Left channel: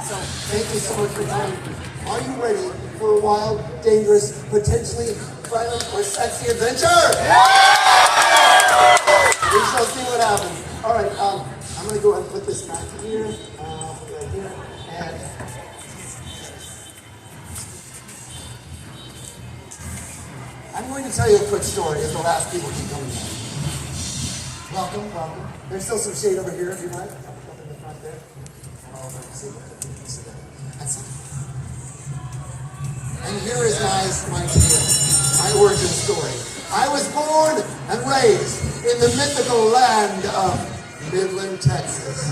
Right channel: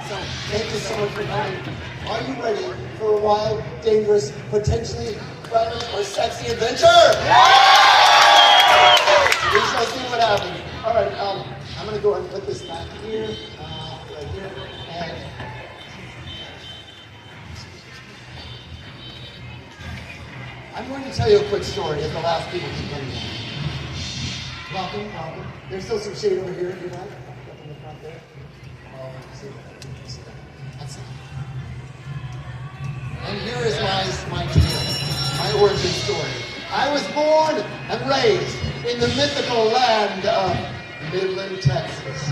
So, thank you so much for coming. Are you ready for a wild, dangerous, potentially violent, or sexy adventure? We shall see what happens. All right, I'm going to go ahead and put this back here, right here, and I'm going to tell you a quick story as the last people keep coming in. Welcome, welcome. There's still some shade over here if you like. Up in the front there. That's it. And here is my tale, my origin story. I was born and raised in the mythical land of Midland, Texas.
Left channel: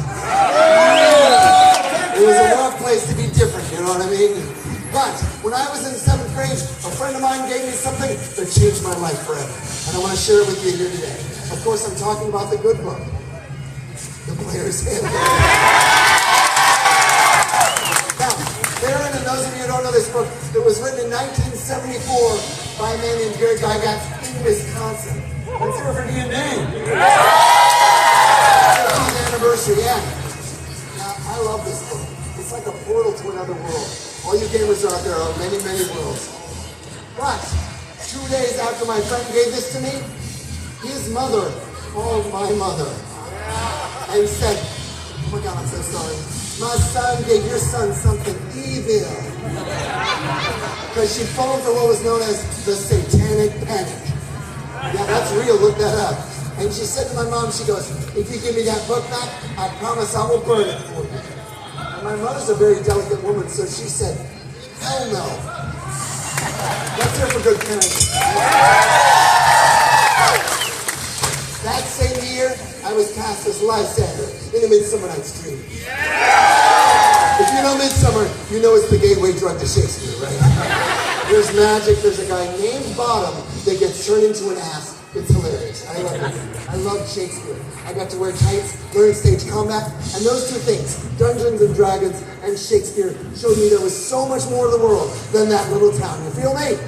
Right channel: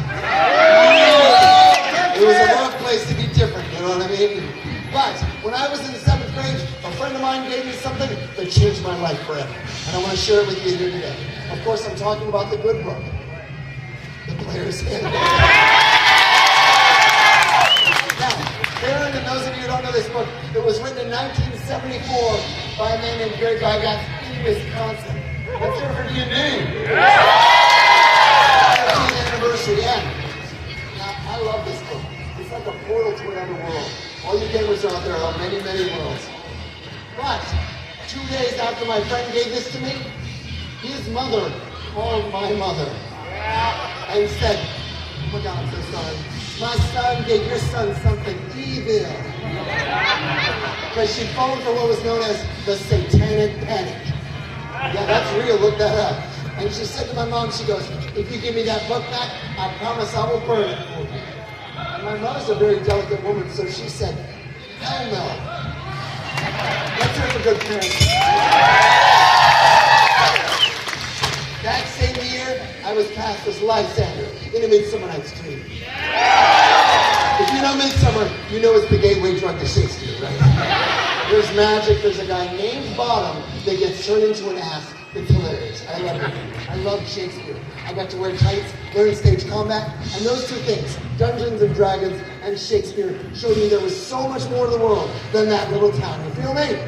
It was a rough place to be different, you know what I mean? But when I was in 7th grade, a friend of mine gave me something that changed my life forever. And I want to share it with you here today. Of course, I'm talking about the good book, The Player's Handbook. Now, Faire, and those of you who don't know this book, it was written in 1974 by a man named Gary Gygax in Wisconsin. Let's hear it for D&D. 15th anniversary, yeah. Now, I love this book. It's like a portal to another world. All you gamers out there are many, many worlds. But 2 days after my friend gave this to me, his mother called my mother and said, "Oh my God, I'm so sorry. My son gave your son something evil." Because she fallen for what was known as the satanic panic. Yeah, that's real, look that up. And she said to my mom, she goes, "If you give me that book back, I promise I will burn it for you." And my mother's a very delicate woman, so she said, "Hell no." Let's hear it for good parents. That same year, I was cast as Lysander in A Midsummer Night's Dream. If you know Midsummer, you know it's the gateway drug to Shakespeare, right? There's magic, there's a guy named Bottom that gets turned into an ass. It's hilarious. I love it. I love Shakespeare. I got to wear tights, learn stage combat, and those two things, Dungeons and Dragons and Shakespeare, showed me there was so much more to the world than that little town. You feel me?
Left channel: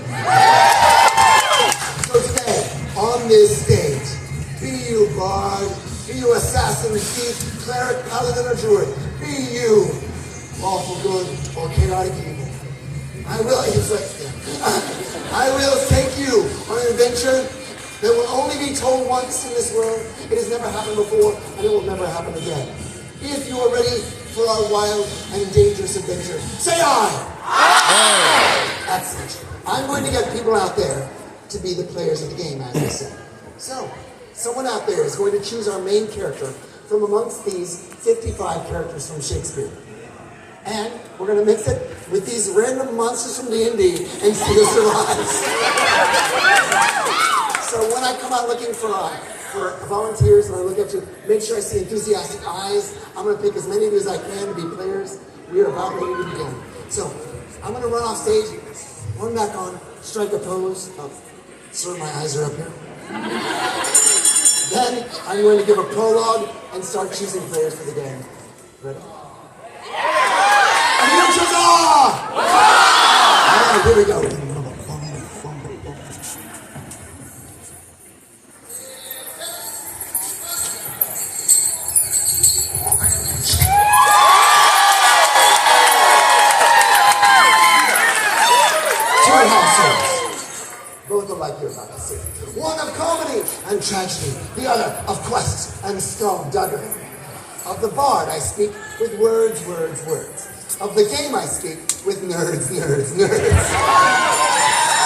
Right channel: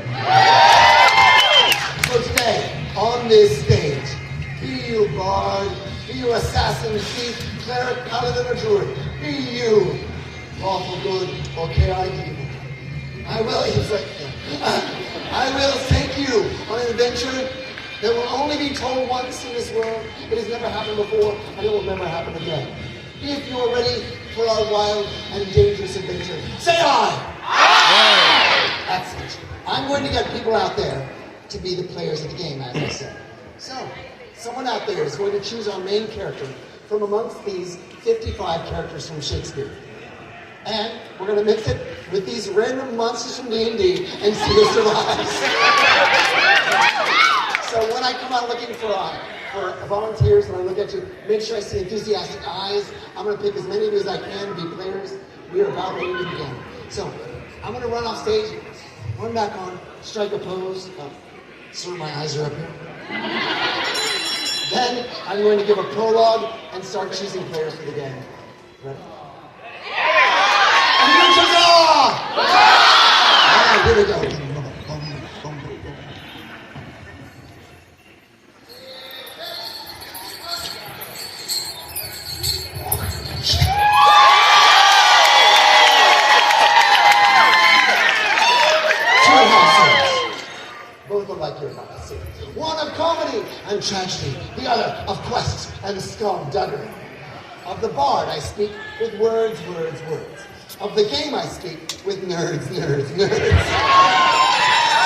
So today, on this stage, be you bard, be you assassin, thief, cleric, paladin, or druid, be you lawful good or chaotic evil. I will take you on an adventure that will only be told once in this world. It has never happened before, and it will never happen again. If you are ready for our wild and dangerous adventure, say aye! Excellent. I'm going to get people out there to be the players of the game, as you said. So, someone out there is going to choose our main character from amongst these 55 characters from Shakespeare. And we're going to mix it with these random monsters from D&D and see who survives. So when I come out looking for volunteers and I look at you, make sure I see enthusiastic eyes. I'm going to pick as many of you as I can to be players. We are about ready to begin. So I'm going to run off stage, run back on, strike a pose. Sir, my eyes are up here. Then I'm going to give a prologue and start choosing players for the game. Ready? And you choose all right, here we go. Both are like you're about to see. One of comedy and tragedy, the other of quest and skullduggery. Of the bard I speak with words. Of the game I speak with nerds.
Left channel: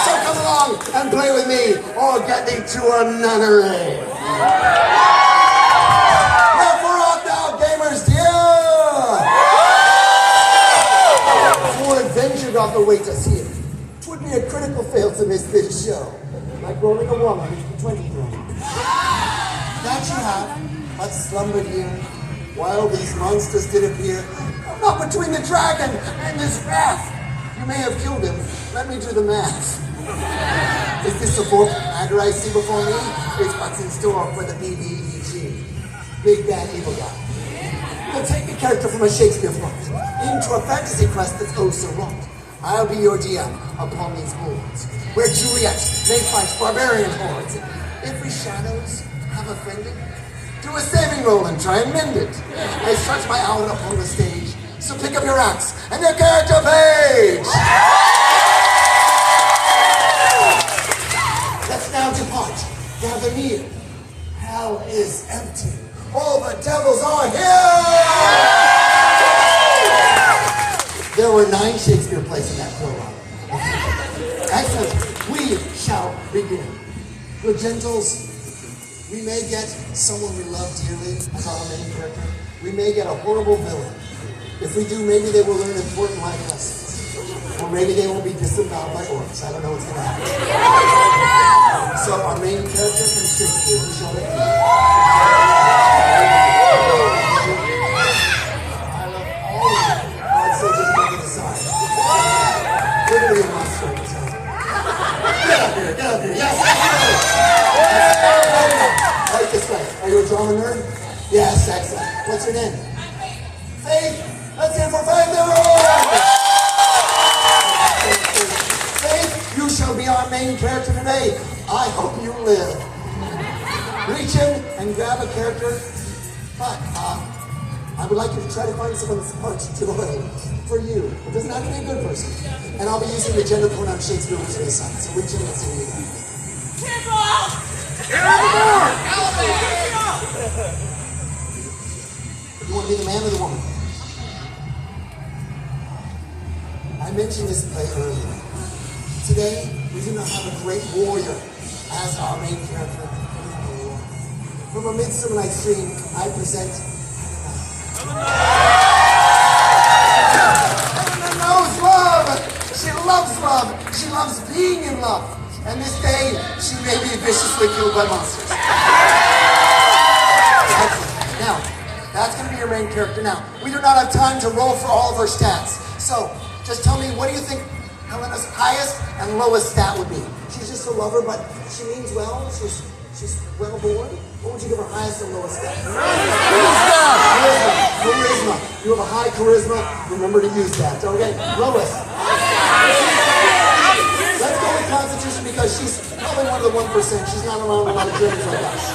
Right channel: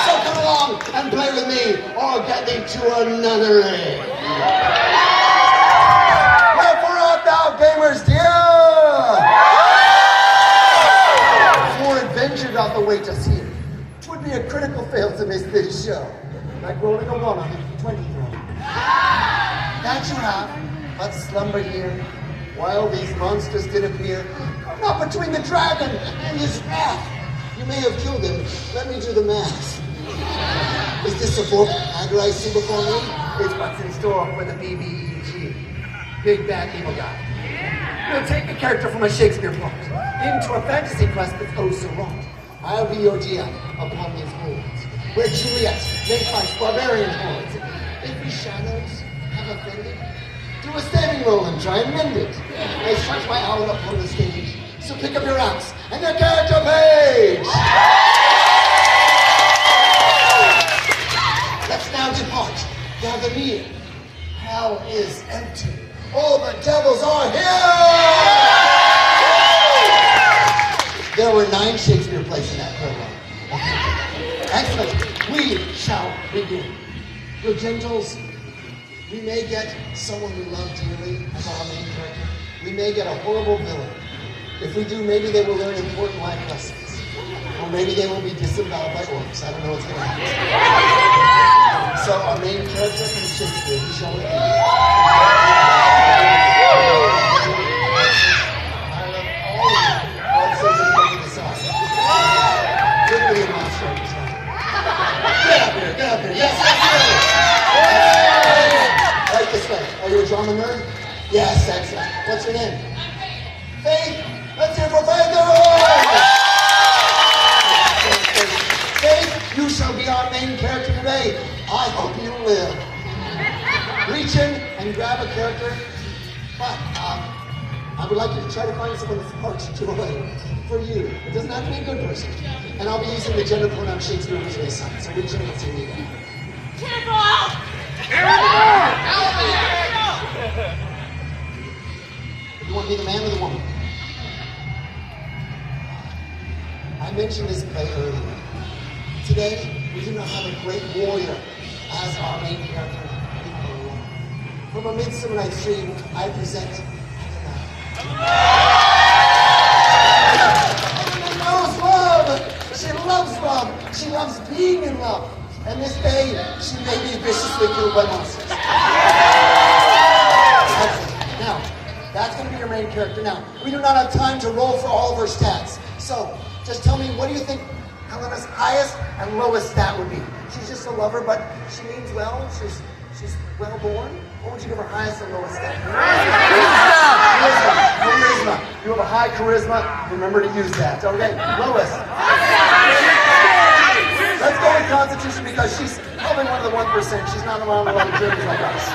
So come along and play with me, or get thee to another age. Wherefore art thou, gamers dear? For adventure doth await us here. 'Twould be a critical fail to miss this show. Like rolling a woman into the 20 room. That you have, slumbered here, while these monsters did appear. Come not between the dragon and his wrath. You may have killed him. Let me do the math. Is this the fourth dagger I see before me? It's what's in store for the BBEG. Big bad evil guy. We'll take a character from a Shakespeare plot into a fantasy quest that's oh so wrong. I'll be your DM upon these boards, where Juliet may fight barbarian hordes. If we shadows have offended, do a saving roll and try and mend it. I stretch my out upon the stage, So pick up your axe and your character page. Let's now depart. Gather near. Hell is empty. All the devils are here! There were 9 Shakespeare plays in that prologue. Excellent. We shall begin. Your gentles, we may get someone we love dearly as our main character. We may get a horrible villain. If we do, maybe they will learn important life lessons. Or maybe they will be disemboweled by orcs. I don't know what's going to happen. So our main character from Shakespeare, we shall meet. I love all of you. God says everybody decide. Literally a monster. Get up here, get up here. Yes, right this way. Are you a drama nerd? Yes, excellent. What's your name? Faith. Let's hear for Faith, everyone! Faith, you shall be our main character today. I hope you live. Reach in and grab a character, but I would like you to try to find someone that's much too away for you. It doesn't have to be a good person. And I'll be using the gender pronoun Shakespeare originally assigned, so reach in and see me. You want to be the man or the woman? I mentioned this play earlier. Today, we do not have a great warrior as our main character. From A Midsummer Night's Dream, I present Helena knows love. She loves love. She loves being in love. And this day, she may be viciously killed by monsters. Now, that's going to be your main character. Now, we do not have time to roll for all of her stats. So, just tell me, what do you think Helena's highest and lowest stat would be? She's just a lover, but she means well. She's well born. What would you give her highest and lowest stat? Charisma. You have a high charisma. Remember to use that. Okay, lowest. Let's go with Constitution because she's probably one of the 1%. She's not around a lot of journeys like us.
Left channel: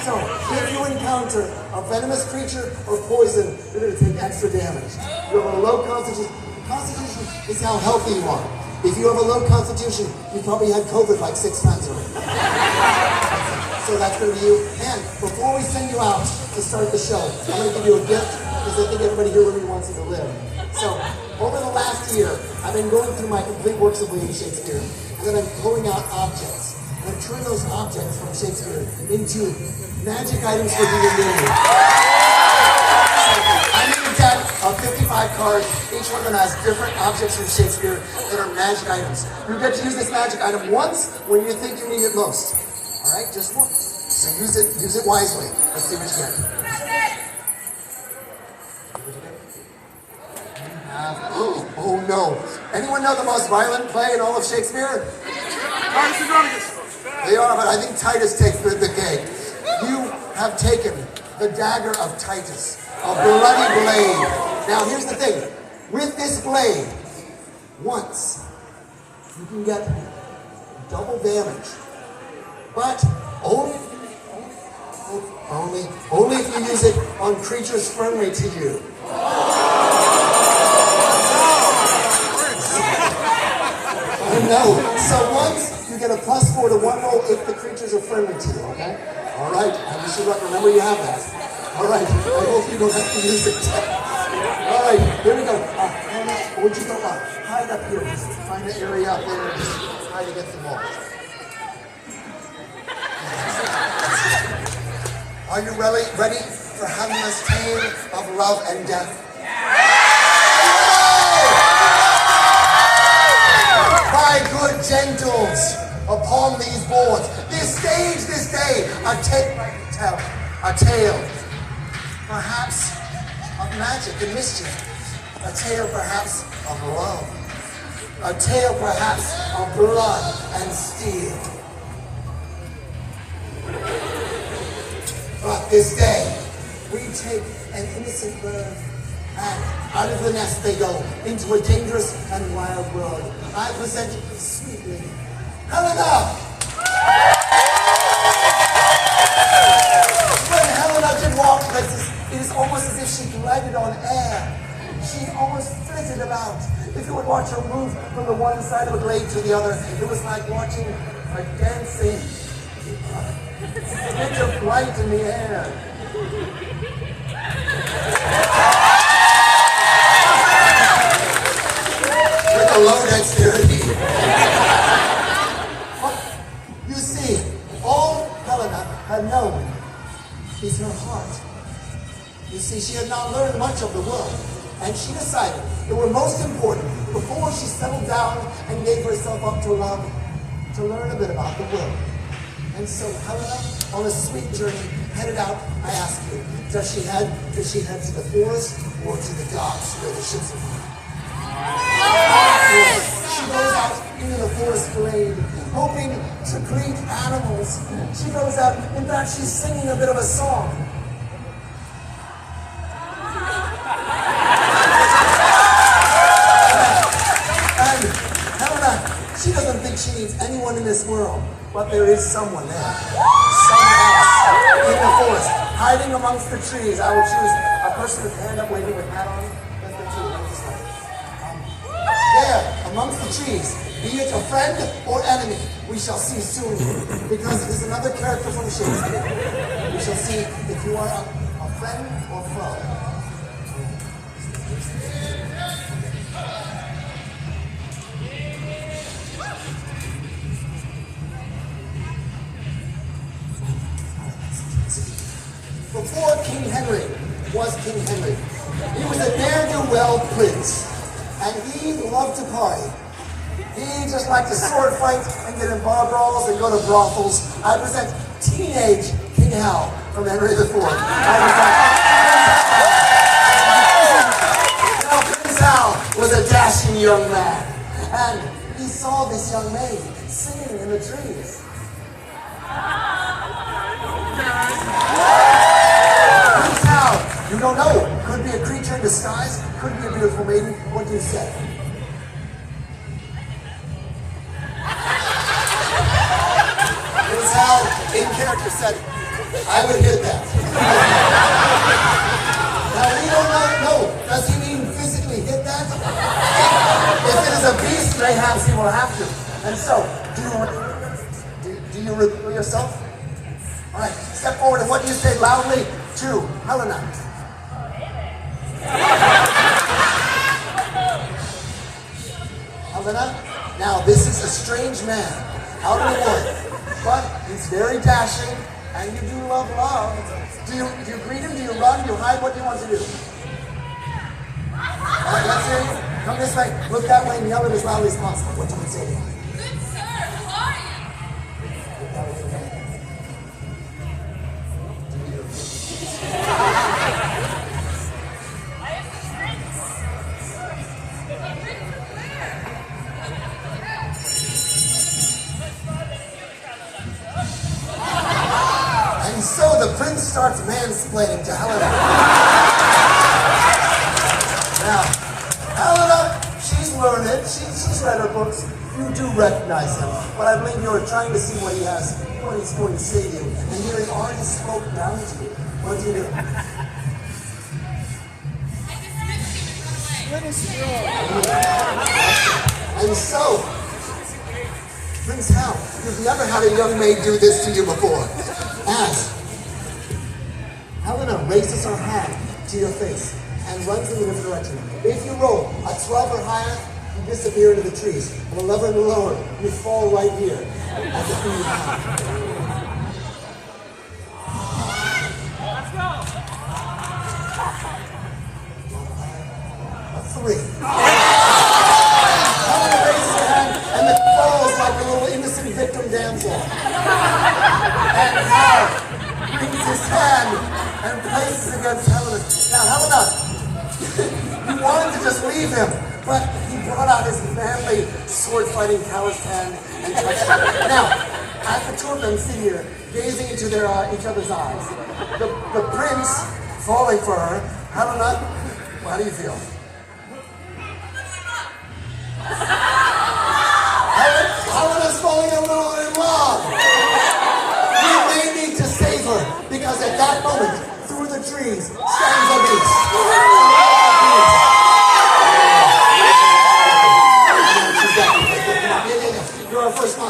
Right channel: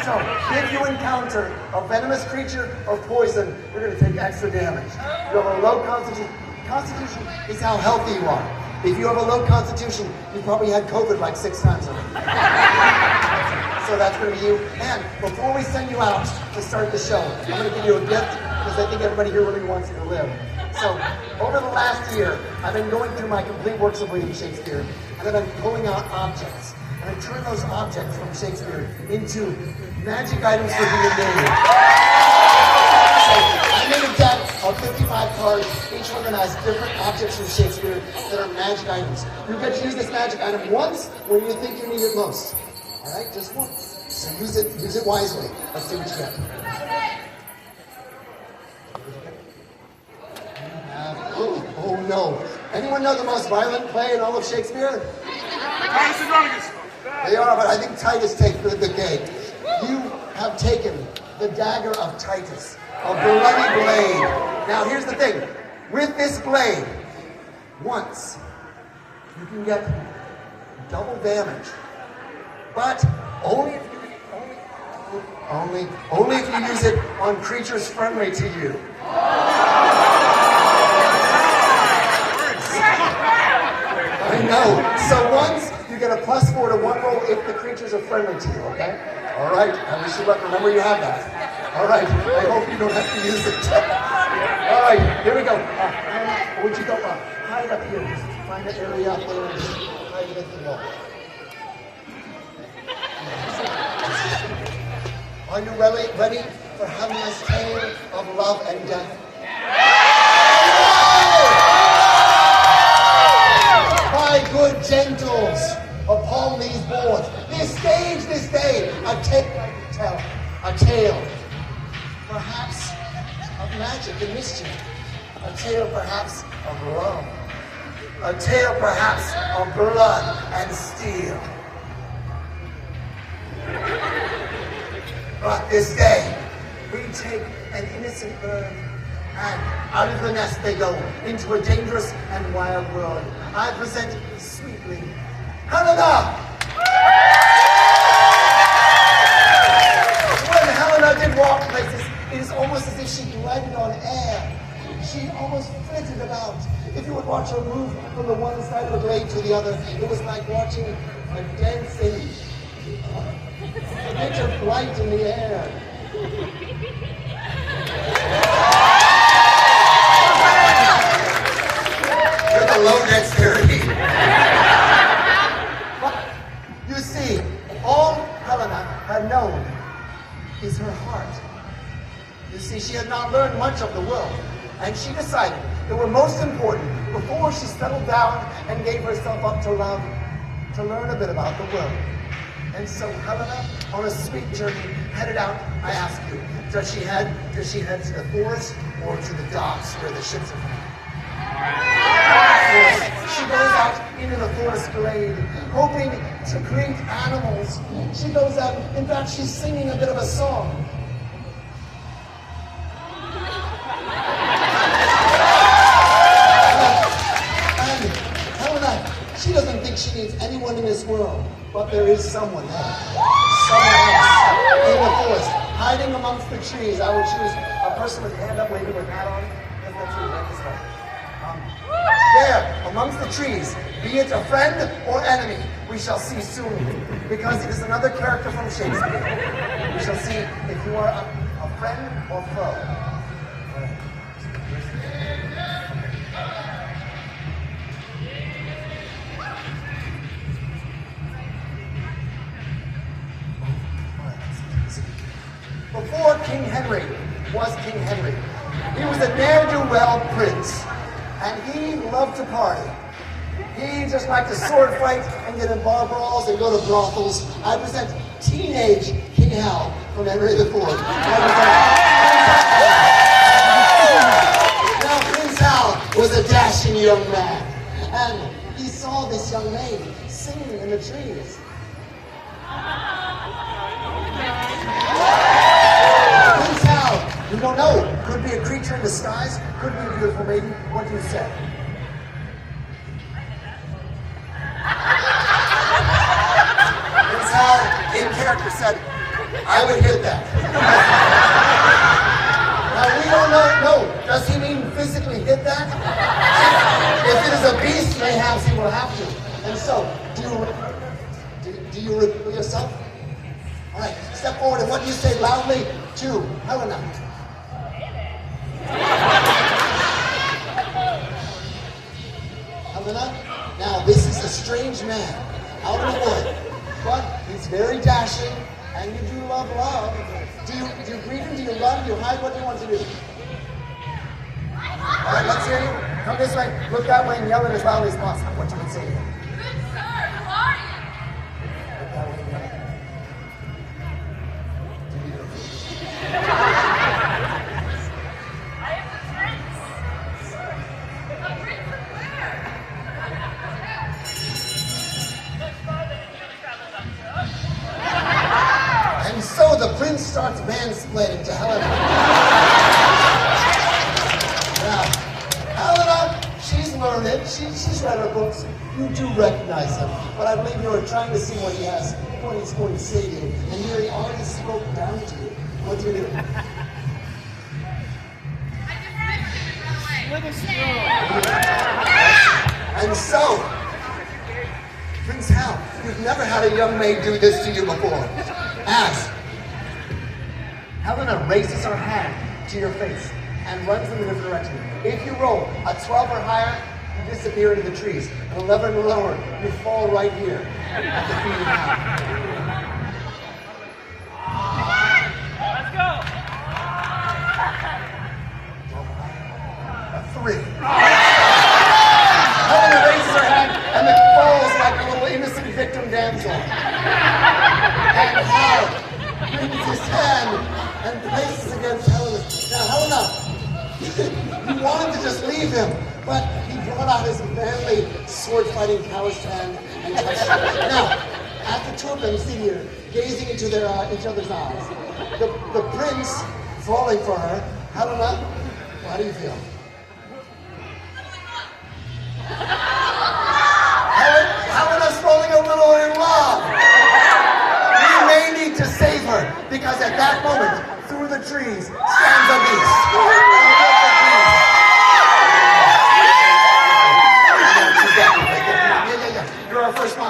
So, if you encounter a venomous creature or poison, you're going to take extra damage. You have a low Constitution. Constitution is how healthy you are. If you have a low Constitution, you probably had COVID like 6 times already. So that's going to be you. And before we send you out to start the show, I'm going to give you a gift because I think everybody here really wants you to live. So, over the last year, I've been going through my complete works of William Shakespeare, and then I'm pulling out objects. And I turn those objects from Shakespeare into magic items for the million. I made a deck of 55 cards. Each one of them has different objects from Shakespeare that are magic items. You get to use this magic item once when you think you need it most. All right, just once. So use it wisely. Let's see what you get. Oh no. Anyone know the most violent play in all of Shakespeare? They are, but I think Titus takes the cake. You have taken the dagger of Titus, a bloody blade. Now here's the thing. With this blade, once, you can get double damage. But only if you use it on creatures friendly to you. I know. So once you get a +4 to 1 roll if the creatures are friendly to you, okay? All right. I wish you luck. Remember you have that. All right. I hope you don't have to use it. All right. Here we go. Would you go up? Hide up here. Just find the area up there and just hide against the wall. Are you ready for Helena's tale of love and death? My good gentles, upon these boards, this day, a tale, perhaps of magic and mischief, a tale perhaps of love, a tale perhaps of blood and steel. But this day, we take an innocent bird, and out of the nest they go into a dangerous and wild world. I present sweetly Helena! When Helena did walk places, it is almost as if she glided on air. She almost flitted about. If you would watch her move from the one side of a glade to the other, it was like watching a dancing bit of light in the air. With a low dexterity. But you see, all Helena had known is her heart. You see, she had not learned much of the world, and she decided it was most important, before she settled down and gave herself up to love, to learn a bit about the world. And so Helena, on a sweet journey, headed out. I ask you, does she head to the forest or to the docks where the ships are going? She goes out into the forest glade, hoping to greet animals. She goes out, in fact, she's singing a bit of a song. And Helena, she doesn't think she needs anyone in this world, but there is someone there. Someone else in the forest, hiding amongst the trees. I will choose a person with hand up, waving with hat on. There, amongst the trees, be it a friend or enemy, we shall see soon, because it is another character from Shakespeare. We shall see if you are a friend or foe. Before King Henry was King Henry, he was a ne'er-do-well prince. And he loved to party. He just liked to sword fight and get in bar brawls and go to brothels. I present teenage King Hal from Henry IV. Now, Prince Hal was a dashing young man. And he saw this young maid singing in the trees. Prince Hal, you don't know, could be a creature in disguise, could be a beautiful maiden. What do you say? Prince Hal, in character, said, I would hit that. Now we don't know, does he mean physically hit that? If it is a beast, mayhaps he will have to. And so, do you reveal yourself? All right, step forward, and what do you say loudly to Helena? Helena, now this is a strange man out in the wood, but he's very dashing, and you do love love. Do you greet him? Do you run? Do you hide? What do you want to do? All right, let's hear you. Come this way. Look that way and yell it as loud as possible. What do you want to say to him? Good sir, who are you? I am the prince. A prince of Faire. Much farther than you traveled, I'm sure. And so the prince starts mansplaining to Helena. Now, Helena, she's learned, she's read her books. You do recognize him, but I believe you're trying to see what he has, what he's going to say to you, and hearing all his smoke down to you. What do you do? I dismissed him and run away. And so, Prince Hal, you've never had a young maid do this to you before. As Helena raises her hand to your face and runs in a different direction. If you roll a 12 or higher, you disappear into the trees. An 11 or lower, you fall right here at the feet of Hal. Let's go. A 3. Helena raises her hand and it falls like a little innocent victim damsel. And Hal brings his hand and places against Helena. Now, Helena, you wanted to just leave him, but he brought out his manly sword-fighting calloused hand and touched him. Now, as the two of them sit here, gazing into each other's eyes, the prince falling for her, Helena, well, how do you feel? Helena's falling a little in love. You may need to save her, because at that moment, through the trees, stands a beast.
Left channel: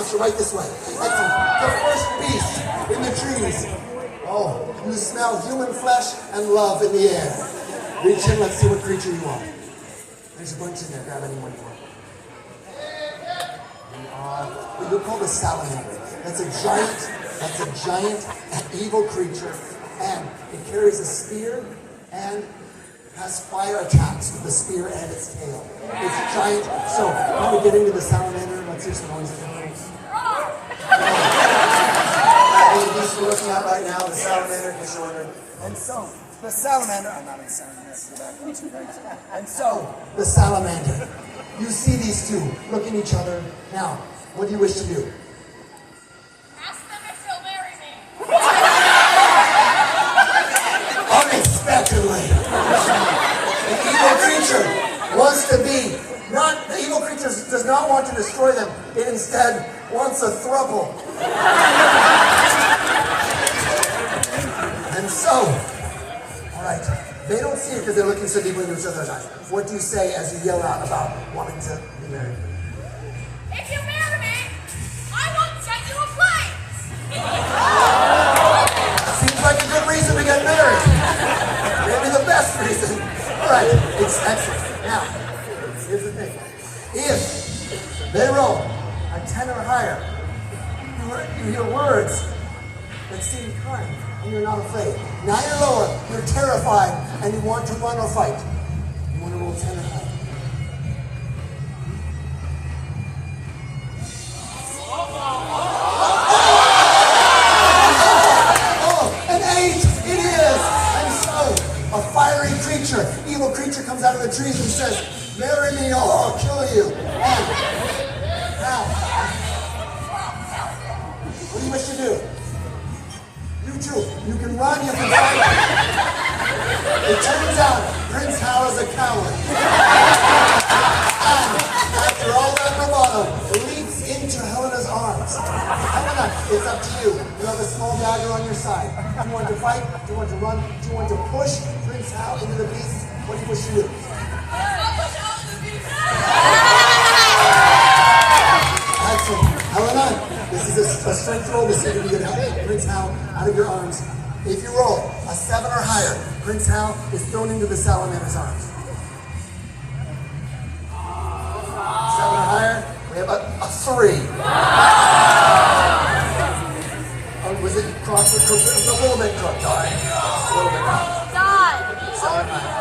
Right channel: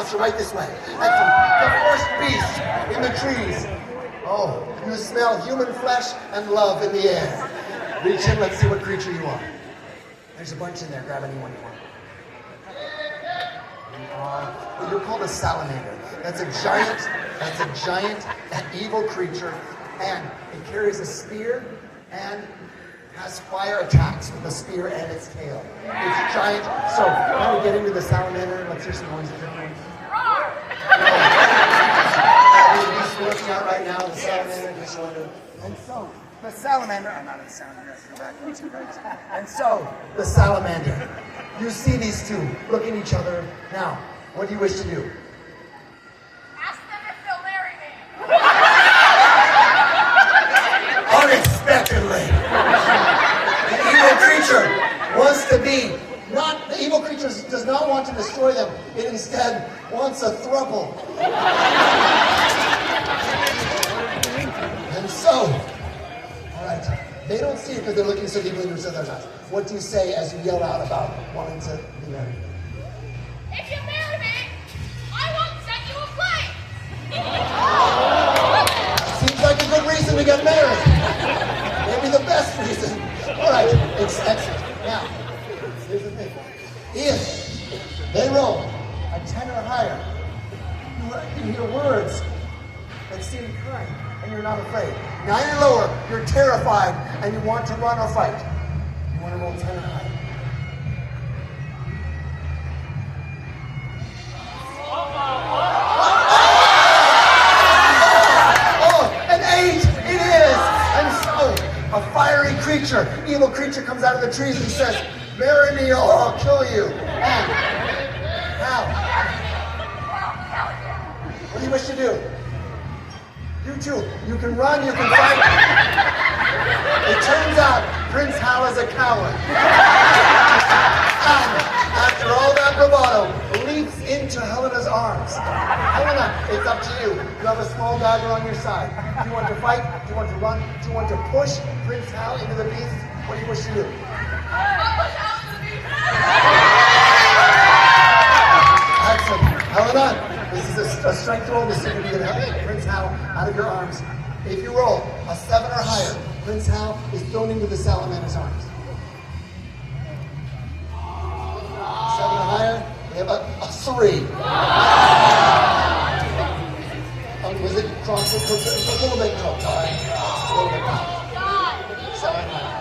monster right this way. Excellent. The first beast in the trees. Oh, you smell human flesh and love in the air. Reach in, let's see what creature you are. There's a bunch in there, grab anyone you want. Well, you're called a salamander. That's a giant evil creature, and it carries a spear and has fire attacks with the spear and its tail. It's giant. So, now we get into the salamander. Let's hear some noise. He's working out right now, the salamander, the shoulder. And so, the salamander, I'm not in salamander, and so, the salamander. You see these two look at each other. Now, what do you wish to do? Ask them if they'll marry me. Unexpectedly. The evil creature wants to be, the evil creature does not want to destroy them. It instead wants a throuple. And so, all right, they don't see it because they're looking so deeply into each other's eyes. What do you say as you yell out about wanting to be married? If you marry me, I won't set you ablaze. Seems like a good reason to get married. Maybe the best reason. All right, it's excellent. Now, here's the thing. If they roll a 10 or higher, you hear words that seem kind, and you're not afraid. 9 or lower, you're terrified, and you want to run or fight. You want to roll 10 or higher. Evil creature comes out of the trees and says, "Marry me or I'll kill you." And now, what do you wish to do? You too. You can run, you can fight. It turns out Prince Hal is a coward. And after all that bravado, leaps into Helena's arms. Helena, it's up to you. You have a small dagger on your side. Do you want to fight? Do you want to run? Do you want to push Prince Hal into the beast? What do you wish to do? I'll push out of the beast. Excellent. Helena, this is a strength roll to see if you can help Prince Hal out of your arms. If you roll a 7 or higher, Prince Hal is thrown into the salamander's arms. 7 or higher, we have a 3. Was it crossed with crooked? It was a little bit crooked. All right. A little bit crooked. God. 7 or higher.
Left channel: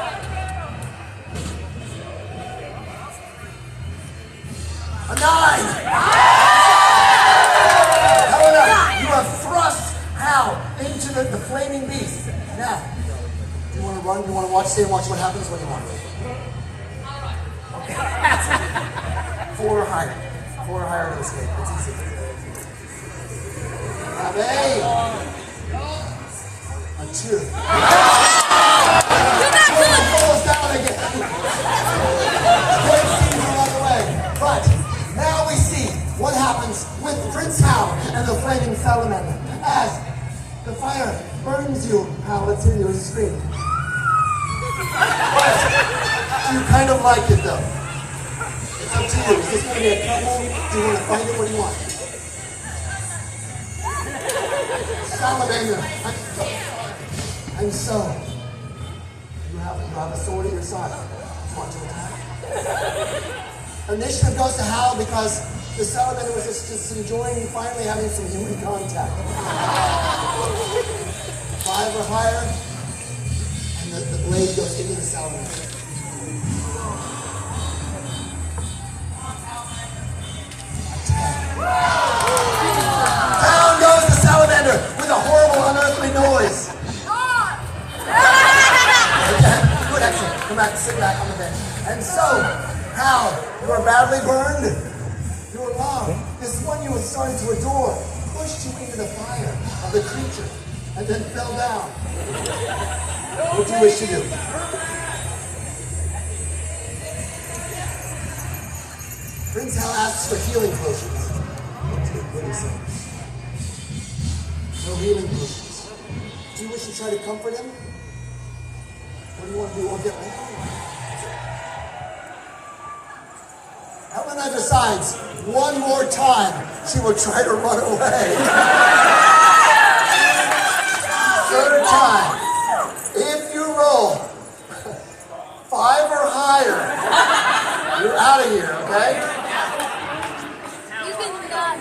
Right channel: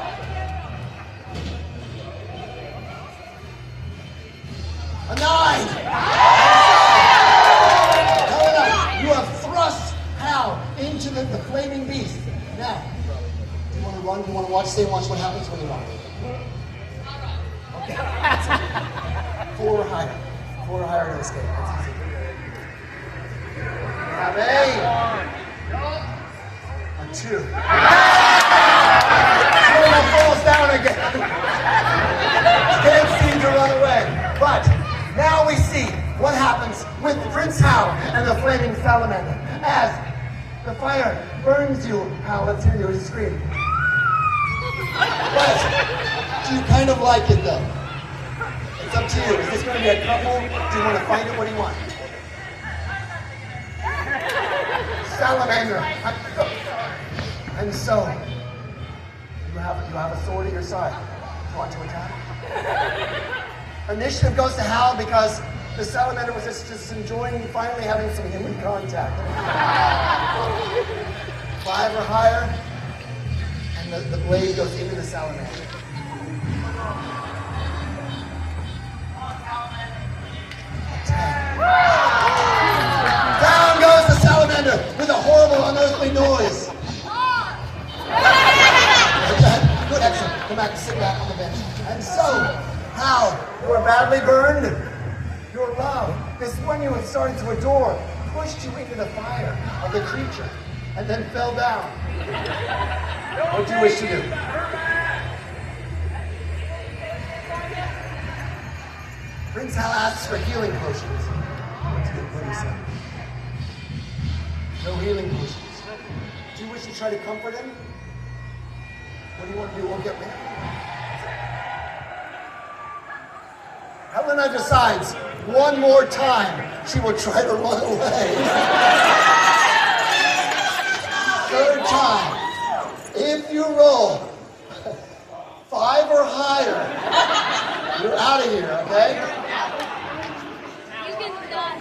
A 9! Helena, you have thrust Hal into the flaming beast. Now, do you want to run? Do you want to watch? Stay and watch what happens? What do you want? Okay. 4 or higher. 4 or higher to escape. That's easy. Grab A. A 2. Helena falls down again. Can't seem to run away. But now we see what happens with Prince Hal and the flaming salamander. As the fire burns you, Hal, let's hear you scream. But you kind of like it though. It's up to you. Is this going to be a couple? Do you want to fight it? What do you want? Salamander. And so, you have a sword at your side. Do you want to attack? Initiative goes to Hal because the salamander was just enjoying finally having some human contact. 5 or higher, and the blade goes into the salamander. Down goes the salamander with a horrible, unearthly noise. Good, excellent. Come back, sit back on the bench. And so, Hal, you are badly burned. Your love, this one you were starting to adore, pushed you into the fire of the creature and then fell down. What do you wish to do? Prince Hal asks for healing potions. What do you say? No healing potions. Do you wish to try to comfort him? What do you want to do? We'll get with him. Helena Helena decides one more time she will try to run away. Third time. If you roll 5 or higher, you're out of here, okay? You can done.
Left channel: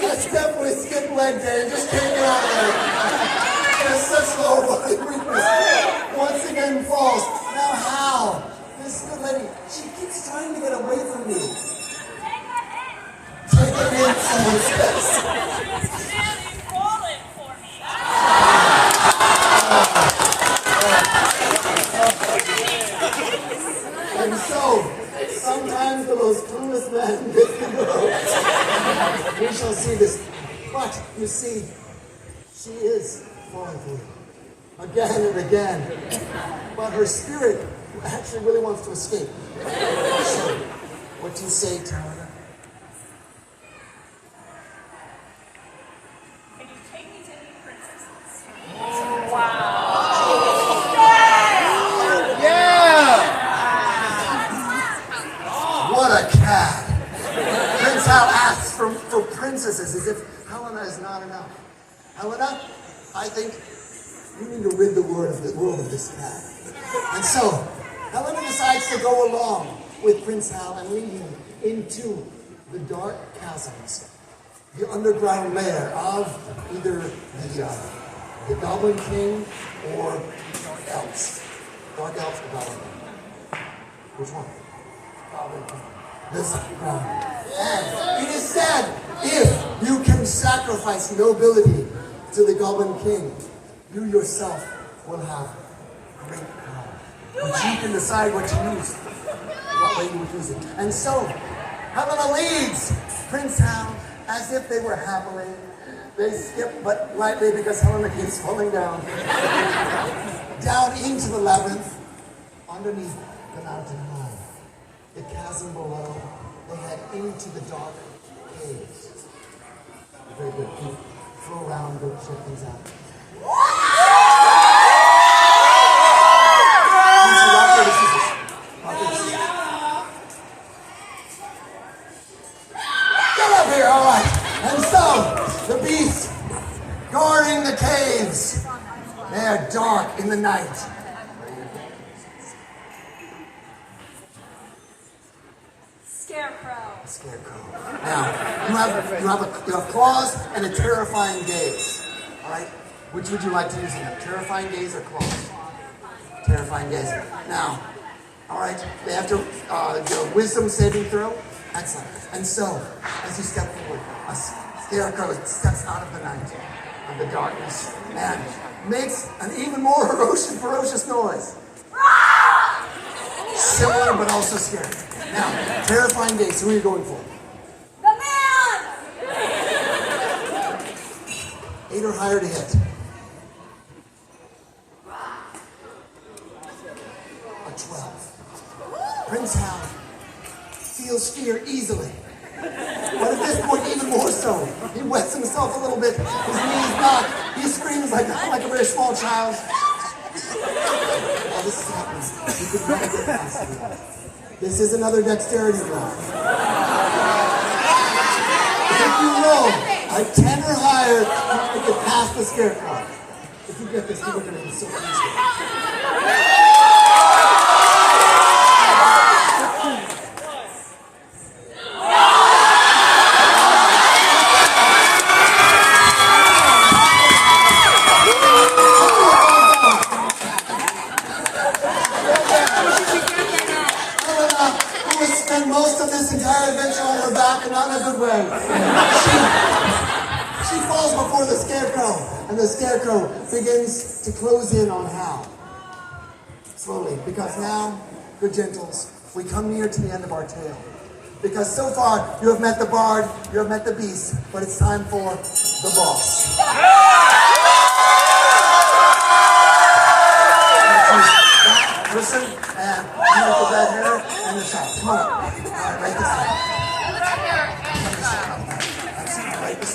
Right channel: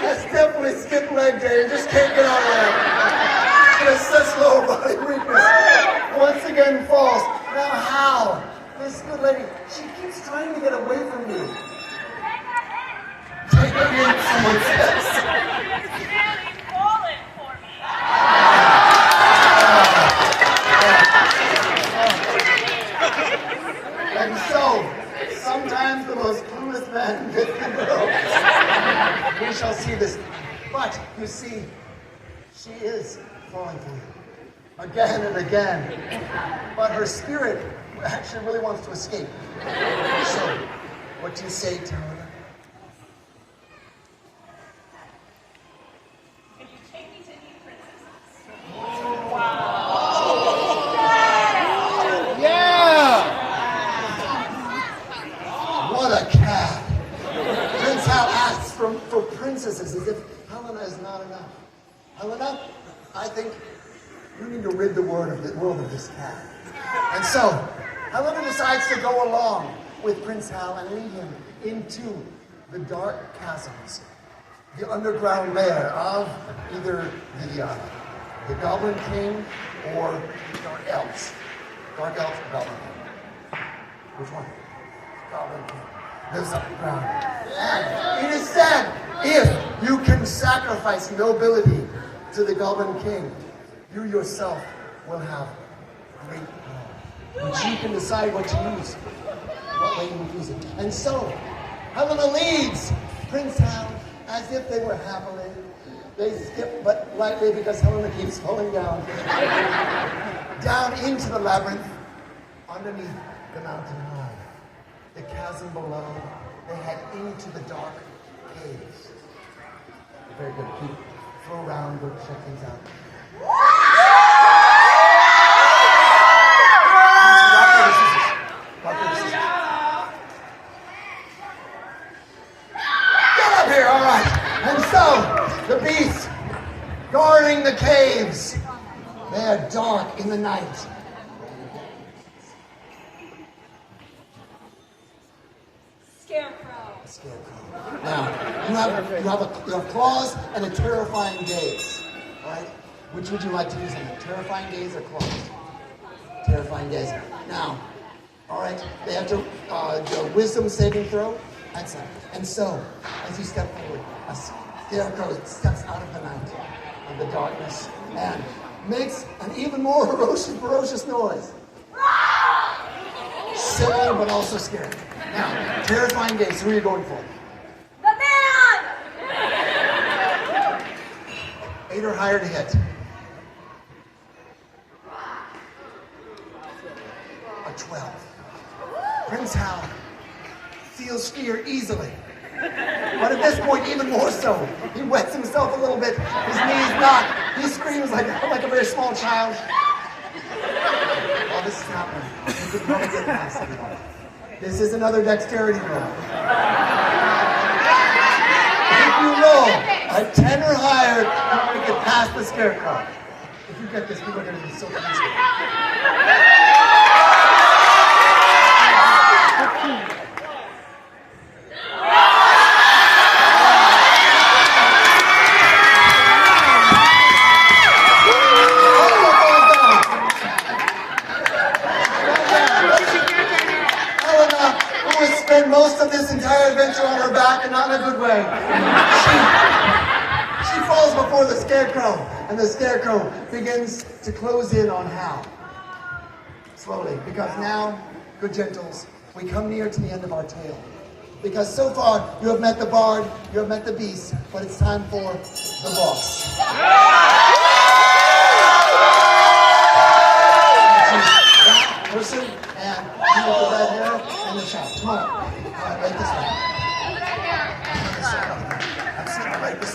That's definitely skip leg day. Just can't get out of it. There's such low body weakness. Once again falls. Now how? This good lady, she keeps trying to get away from you. Take a hit, someone says. And so, sometimes the most clueless man gets the world. We shall see this. But, you see, she is falling for you. Again and again. But her spirit actually really wants to escape. So, what do you say, Tara? Can you take me to meet princesses? What a cad. Prince Hal asks for princesses as if Helena is not enough. Helena, I think you need to rid the world of this cad. And so, Helena decides to go along with Prince Hal and lead him into the dark chasms, the underground lair of either the Goblin King or the Dark Elves. Dark Elves or Goblin King? Which one? Goblin King. This underground. And it is said, if you can sacrifice nobility to the Goblin King, you yourself will have great power. But you can decide what to use, what way you would use it. And so, Helena leads Prince Hal as if they were happily. They skip but lightly because Helena keeps falling down. Down into the labyrinth, underneath the mountain high. The chasm below, they head into the dark caves. Very good. Keep flow around, go check things out. Get up here, all right. And so, the beasts guarding the caves. They are dark in the night. Scarecrow. Now, you have claws and a terrifying gaze. All right? Which would you like to use in that? Terrifying gaze or claws? Terrifying gaze. Now, all right, they have to do a wisdom saving throw. Excellent. And so, as you step forward, a scarecrow steps out of the night, of the darkness, and makes an even more ferocious noise. Similar, but also scary. Now, terrifying gaze. Who are you going for? The man! 8 or higher to hit. A 12. Prince Hal feels fear easily. But at this point, even more so. He wets himself a little bit. His knees knock. He screams like a very small child. While this is happening, you can never get past everyone. This is another dexterity roll. If you roll a 10 or higher, you can get past the scarecrow. If you get this, people are going to be so easy. Most of this entire adventure on her back, and not in a good way. She falls before the scarecrow, and the scarecrow begins to close in on Hal. Slowly, because now, good gentles, we come near to the end of our tale. Because so far, you have met the bard, you have met the beast, but it's time for the boss. That person, and you with the red hair and the chop. Come on. All right, right this way.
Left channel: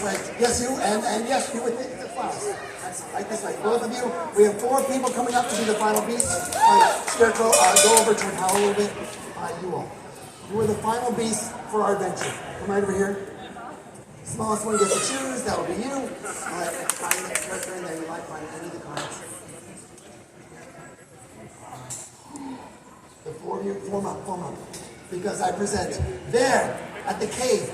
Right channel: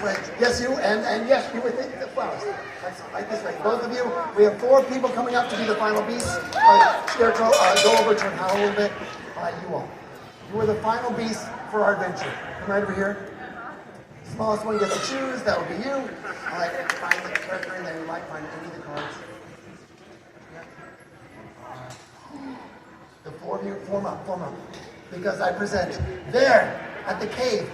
way. Yes, you, and yes, you with the flowers. That's right this way. Both of you. We have 4 people coming up to be the final beast. Scarecrow, go over to Hal a little bit. You all. You are the final beast for our adventure. Come right over here. Smallest one gets to choose. That will be you. All right, find the character and then you might find any of the cards. The 4 of you, form up. Because I present there at the cave.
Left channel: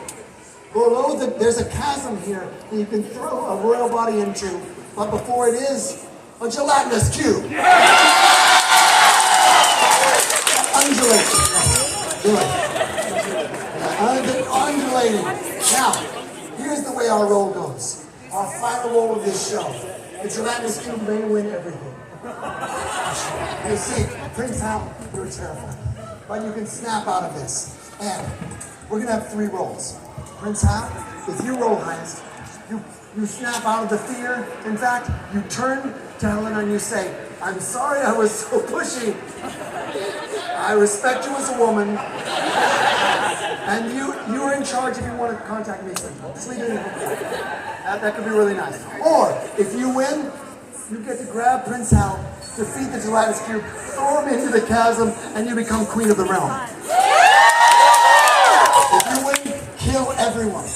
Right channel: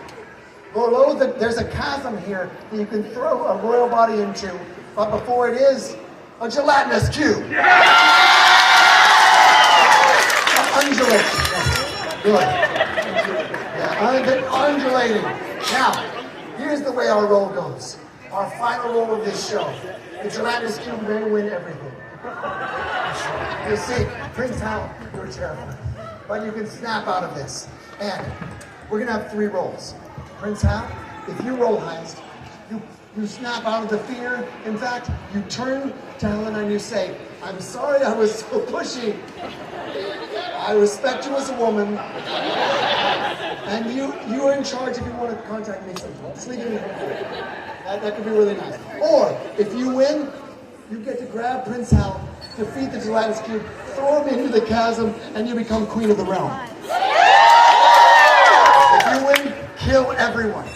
Below there's a chasm here that you can throw a royal body into. But before it is a gelatinous cube. Undulating. Good. Yeah, undulating. Now, here's the way our roll goes. Our final roll of this show. The gelatinous cube may win everything. You see, Prince Hal, you're terrified. But you can snap out of this. And we're going to have 3 rolls. Prince Hal, if you roll highest, you snap out of the fear. In fact, you turn to Helena and you say, I'm sorry I was so pushy. I respect you as a woman. And you are in charge if you want to contact me. Sleeping. That could be really nice. Or, if you win, you get to grab Prince Hal, defeat the gelatinous cube, throw him into the chasm, and you become queen of the realm. If you win, kill everyone.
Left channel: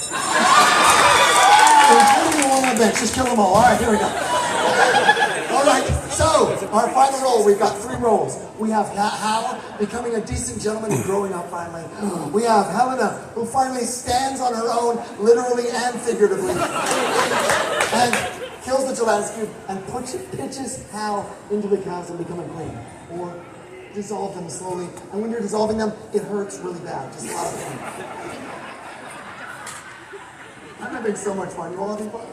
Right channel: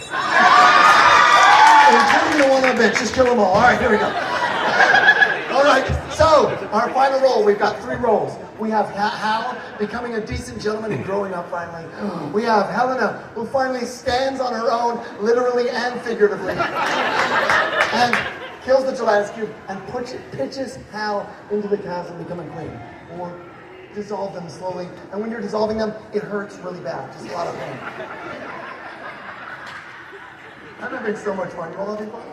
Including the one on the bench. Just kill them all. All right, here we go. All right, so our final roll. We've got 3 rolls. We have Hal becoming a decent gentleman and growing up finally. We have Helena, who finally stands on her own, literally and figuratively, and kills the gelatinous cube and pitches Hal into the chasm, becoming queen. Or dissolve them slowly. And when you're dissolving them, it hurts really bad. Just a lot of pain. I'm having so much fun. You all having fun?